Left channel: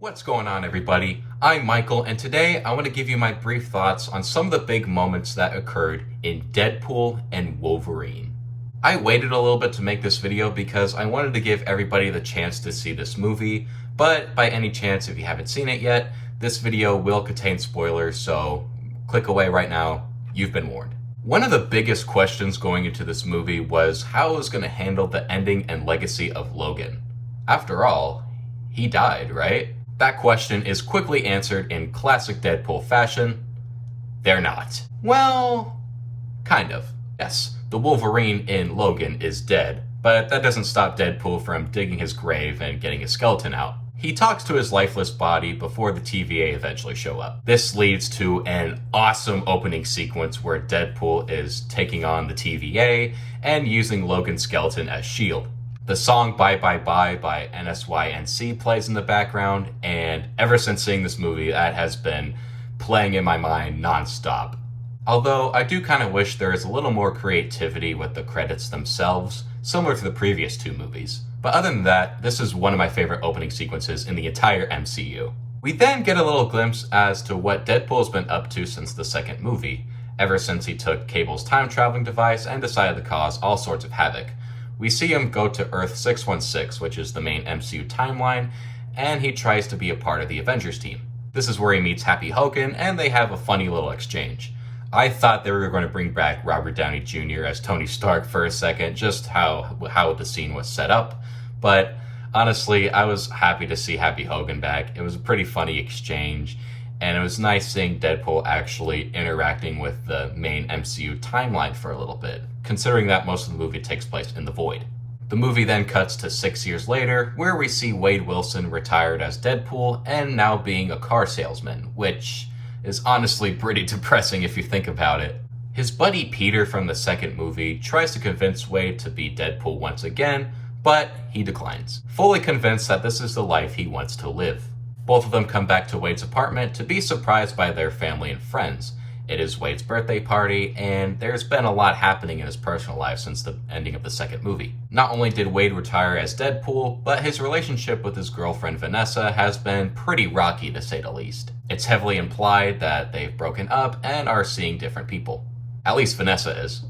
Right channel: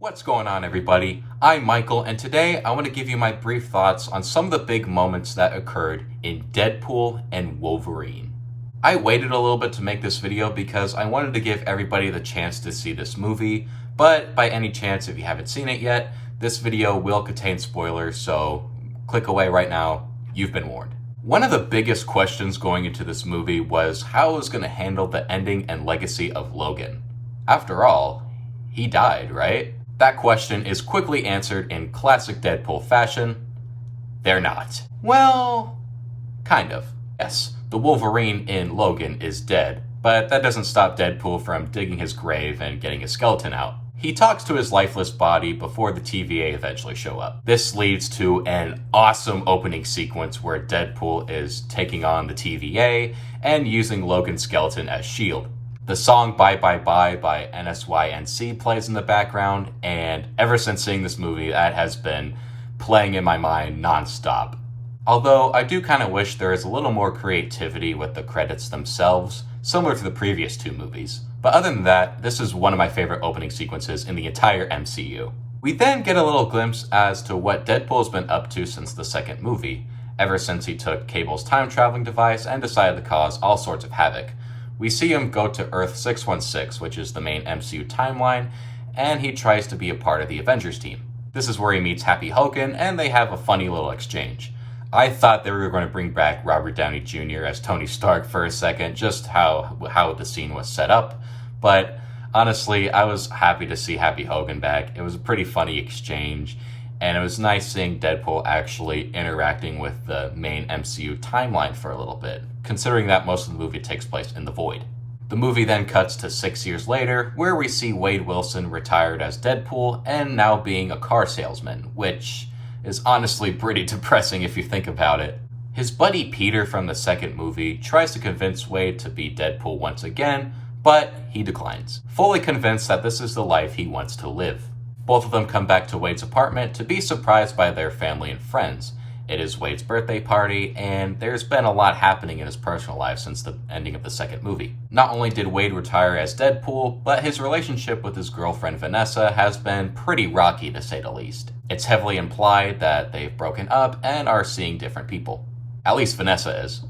What's going on, everybody? I'm Michael, and today I want to give you my brief thoughts on some of the big moments that occurred in Deadpool and Wolverine. I waited a little bit to make this video because I wanted to give everybody the chance to see this movie, but by any chance, if you haven't seen it yet, this video will contain spoilers, so click away right now. You've been warned. One of the biggest questions going into this movie was how it was going to handle the ending and legacy of Logan. After all, he died, right? That question is quickly answered in classic Deadpool fashion. They're not. Well, kind of. Yes, the Wolverine in Logan is dead, but that doesn't stop Deadpool from digging his grave and getting his skeleton out. He talks to his lifeless body before the TVA eventually show up. This leads to an awesome opening sequence where Deadpool is taking on the TVA and using Logan's skeleton as shield. The song Bye Bye Bye by NSYNC plays in the background, and ever since seeing this movie, that has been playing in my mind non-stop. Although I do kind of wish there is a little more creativity with the credits themselves, similar to the previous two movies. But other than that, this is one of my favorite opening sequences in the entire MCU. We then get a little glimpse as to what Deadpool's been up to since the second movie, ever since he took Cable's time-traveling device and decided to cause all sorts of havoc. We see him go to Earth 616, which is the main MCU timeline, and he tries to be a part of the Avengers team. This is where he meets Happy Hogan, and they have a funny little exchange. I thought they were going to bring back Robert Downey Jr. as Tony Stark for a second, just how the scene was set up, but honestly, I was happy to see Happy Hogan back. It was a pretty funny exchange, and it was nice seeing Deadpool actually interacting with the main MCU timeline for a little bit, considering that most of the movie takes place in the void. The movie then cuts to 6 years later, where we see Wade Wilson retired as Deadpool and now being a car salesman, which is honestly pretty depressing if you think about it. His buddy Peter from the second movie tries to convince Wade to be Deadpool once again, but he declines, fully convinced that this is the life he wants to live. Both of them come back to Wade's apartment to be surprised by their family and friends. It is Wade's birthday party, and there's been a lot happening in his personal life since the ending of the second movie. Not only did Wade retire as Deadpool, but his relationship with his girlfriend Vanessa has been pretty rocky, to say the least. It's heavily implied that they've broken up and are seeing different people. At least Vanessa is.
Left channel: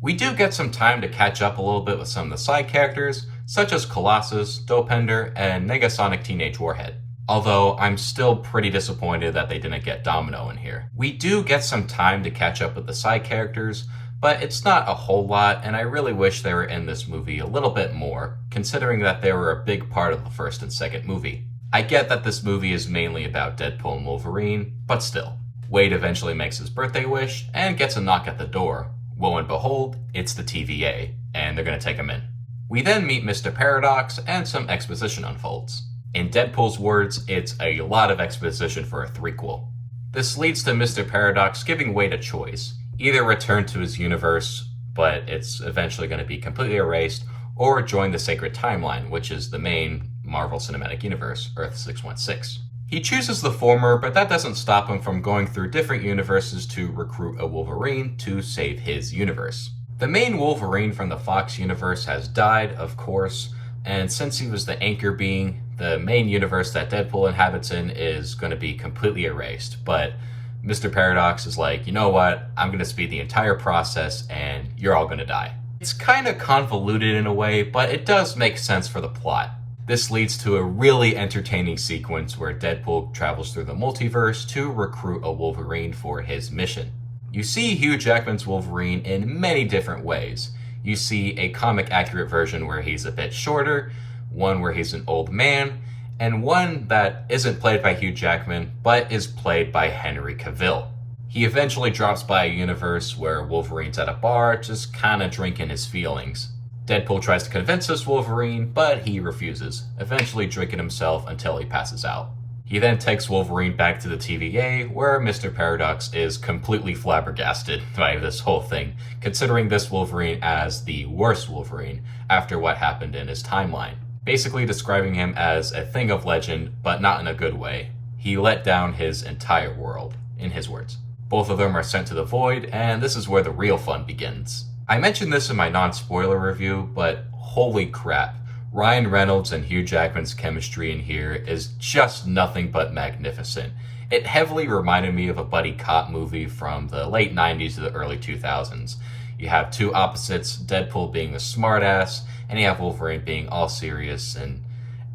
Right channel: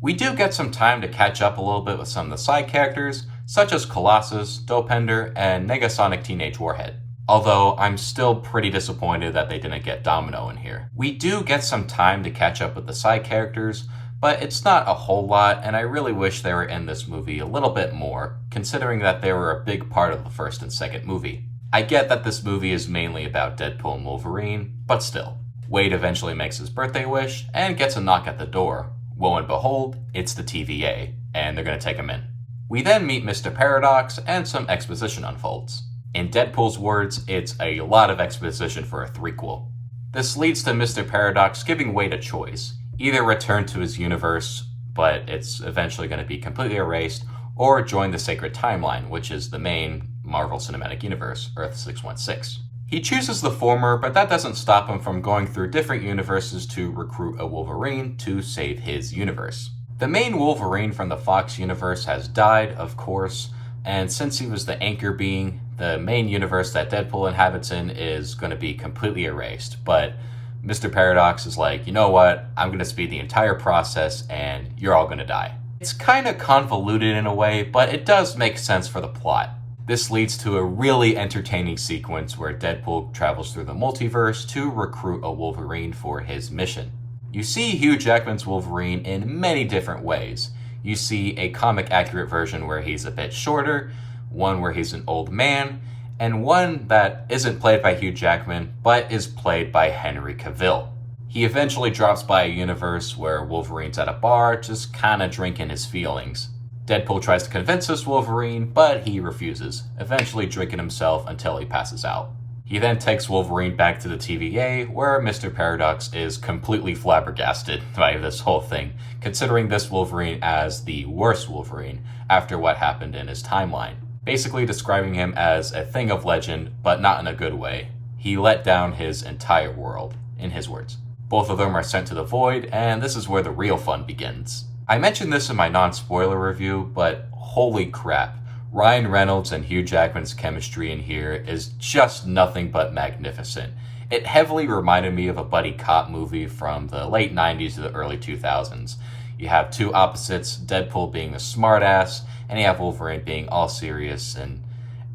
We do get some time to catch up a little bit with some of the side characters, such as Colossus, Dopender, and Negasonic Teenage Warhead. Although I'm still pretty disappointed that they didn't get Domino in here. We do get some time to catch up with the side characters, but it's not a whole lot, and I really wish they were in this movie a little bit more, considering that they were a big part of the first and second movie. I get that this movie is mainly about Deadpool and Wolverine, but still. Wade eventually makes his birthday wish and gets a knock at the door. Lo and behold, it's the TVA, and they're gonna take him in. We then meet Mr. Paradox, and some exposition unfolds. In Deadpool's words, it's a lot of exposition for a threequel. This leads to Mr. Paradox giving Wade a choice. Either return to his universe, but it's eventually going to be completely erased, or join the Sacred Timeline, which is the main Marvel Cinematic Universe, Earth 616. He chooses the former, but that doesn't stop him from going through different universes to recruit a Wolverine to save his universe. The main Wolverine from the Fox universe has died, of course, and since he was the anchor being, the main universe that Deadpool inhabits in is going to be completely erased. But Mr. Paradox is like, you know what? I'm going to speed the entire process and you're all going to die. It's kind of convoluted in a way, but it does make sense for the plot. This leads to a really entertaining sequence where Deadpool travels through the multiverse to recruit a Wolverine for his mission. You see Hugh Jackman's Wolverine in many different ways. You see a comic-accurate version where he's a bit shorter, one where he's an old man, and one that isn't played by Hugh Jackman, but is played by Henry Cavill. He eventually drops by a universe where Wolverine's at a bar, just kinda drinking his feelings. Deadpool tries to convince this Wolverine, but he refuses, eventually drinking himself until he passes out. He then takes Wolverine back to the TVA, where Mr. Paradox is completely flabbergasted by this whole thing, considering this Wolverine as the worst Wolverine after what happened in his timeline. Basically describing him as a thing of legend, but not in a good way. He let down his entire world, in his words. Both of them are sent to the void, and this is where the real fun begins. I mentioned this in my non-spoiler review, but holy crap. Ryan Reynolds and Hugh Jackman's chemistry in here is just nothing but magnificent. It heavily reminded me of a buddy cop movie from the late 90s to the early 2000s. You have two opposites, Deadpool being the smartass, and you have Wolverine being all serious and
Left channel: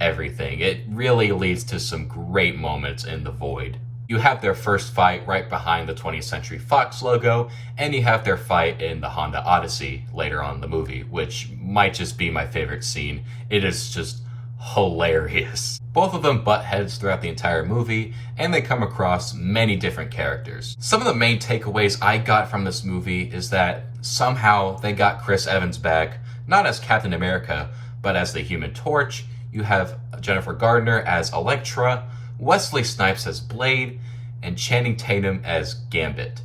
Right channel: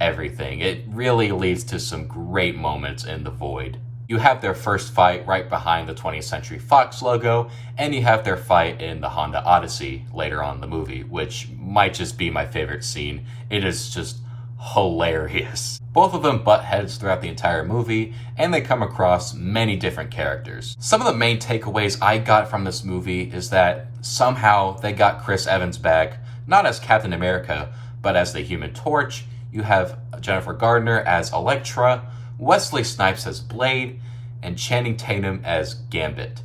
everything. It really leads to some great moments in The Void. You have their first fight right behind the 20th Century Fox logo, and you have their fight in the Honda Odyssey later on in the movie, which might just be my favorite scene. It is just hilarious. Both of them butt heads throughout the entire movie, and they come across many different characters. Some of the main takeaways I got from this movie is that somehow they got Chris Evans back, not as Captain America, but as the Human Torch. You have Jennifer Gardner as Elektra, Wesley Snipes as Blade, and Channing Tatum as Gambit.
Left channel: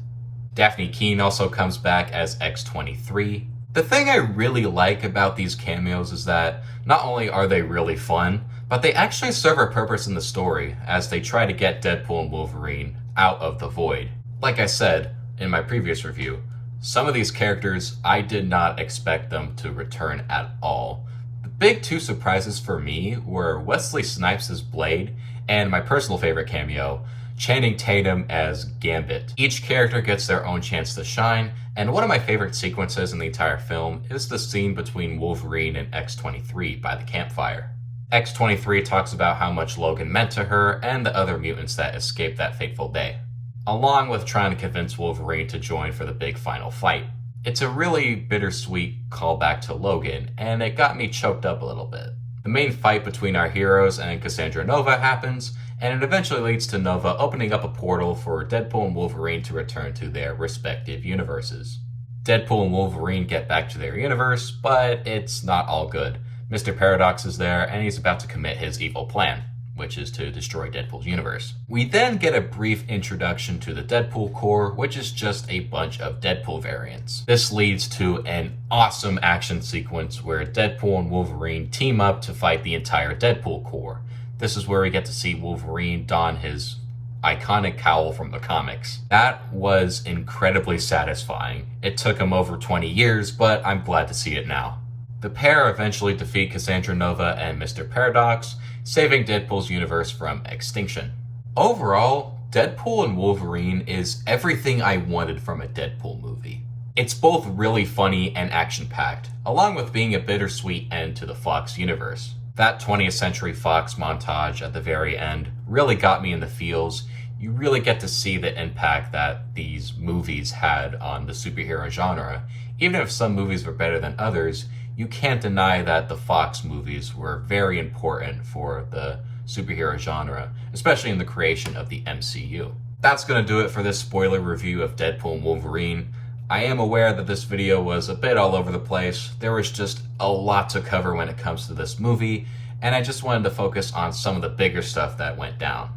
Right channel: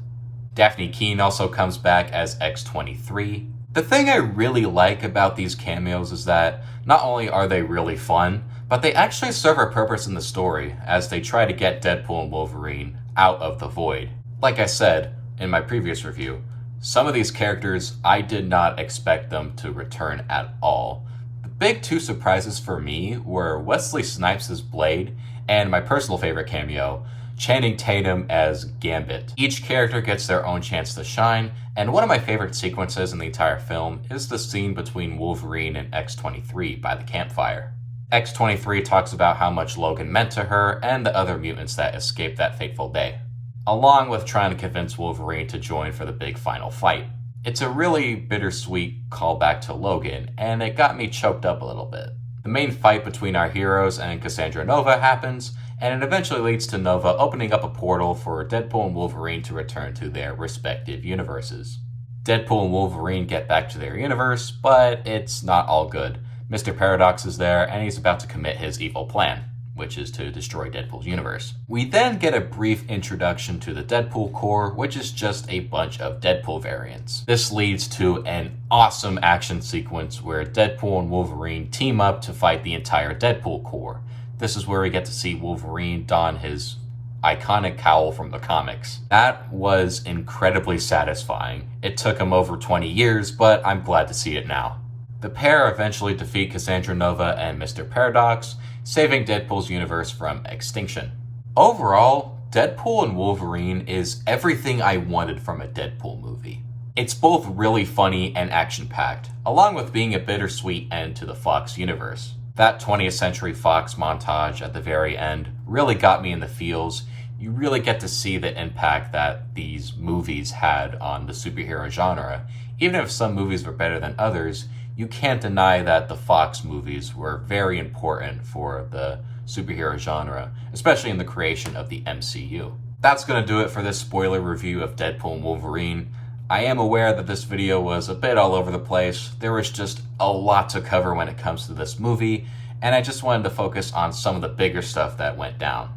Daphne Keane also comes back as X-23. The thing I really like about these cameos is that not only are they really fun, but they actually serve a purpose in the story as they try to get Deadpool and Wolverine out of the Void. Like I said in my previous review, some of these characters I did not expect them to return at all. The big two surprises for me were Wesley Snipes as Blade and my personal favorite cameo, Channing Tatum as Gambit. Each character gets their own chance to shine, and one of my favorite sequences in the entire film is the scene between Wolverine and X-23 by the campfire. X-23 talks about how much Logan meant to her and the other mutants that escaped that fateful day, along with trying to convince Wolverine to join for the big final fight. It's a really bittersweet callback to Logan, and it got me choked up a little bit. The main fight between our heroes and Cassandra Nova happens, and it eventually leads to Nova opening up a portal for Deadpool and Wolverine to return to their respective universes. Deadpool and Wolverine get back to their universe, but it's not all good. Mr. Paradox is there, and he's about to commit his evil plan, which is to destroy Deadpool's universe. We then get a brief introduction to the Deadpool Corps, which is just a bunch of Deadpool variants. This leads to an awesome action sequence where Deadpool and Wolverine team up to fight the entire Deadpool Corps. This is where we get to see Wolverine don his iconic cowl from the comics. That was incredibly satisfying. It took him over 20 years, but I'm glad to see it now. The pair eventually defeat Cassandra Nova and Mr. Paradox, saving Deadpool's universe from extinction. Overall, Deadpool and Wolverine is everything I wanted from a Deadpool movie. It's both really funny and action-packed, along with being a bittersweet end to the Fox universe. That 20th Century Fox montage at the very end really got me in the feels. You really get to see the impact that these movies had on the superhero genre. Even if some movies were better than others, you can't deny that the Fox movies were very important for the superhero genre, especially in the creation of the MCU. That's going to do it for this spoiler review of Deadpool and Wolverine. I am aware that this video was a bit all over the place. There was just a lot to cover when it comes to this movie, and I just wanted to focus on some of the bigger stuff that went down.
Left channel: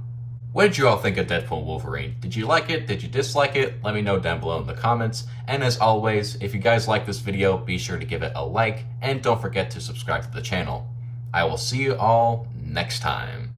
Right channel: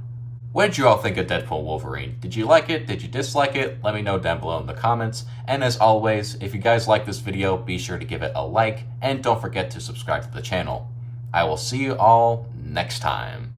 What did you all think of Deadpool and Wolverine? Did you like it? Did you dislike it? Let me know down below in the comments. And as always, if you guys like this video, be sure to give it a like, and don't forget to subscribe to the channel. I will see you all next time.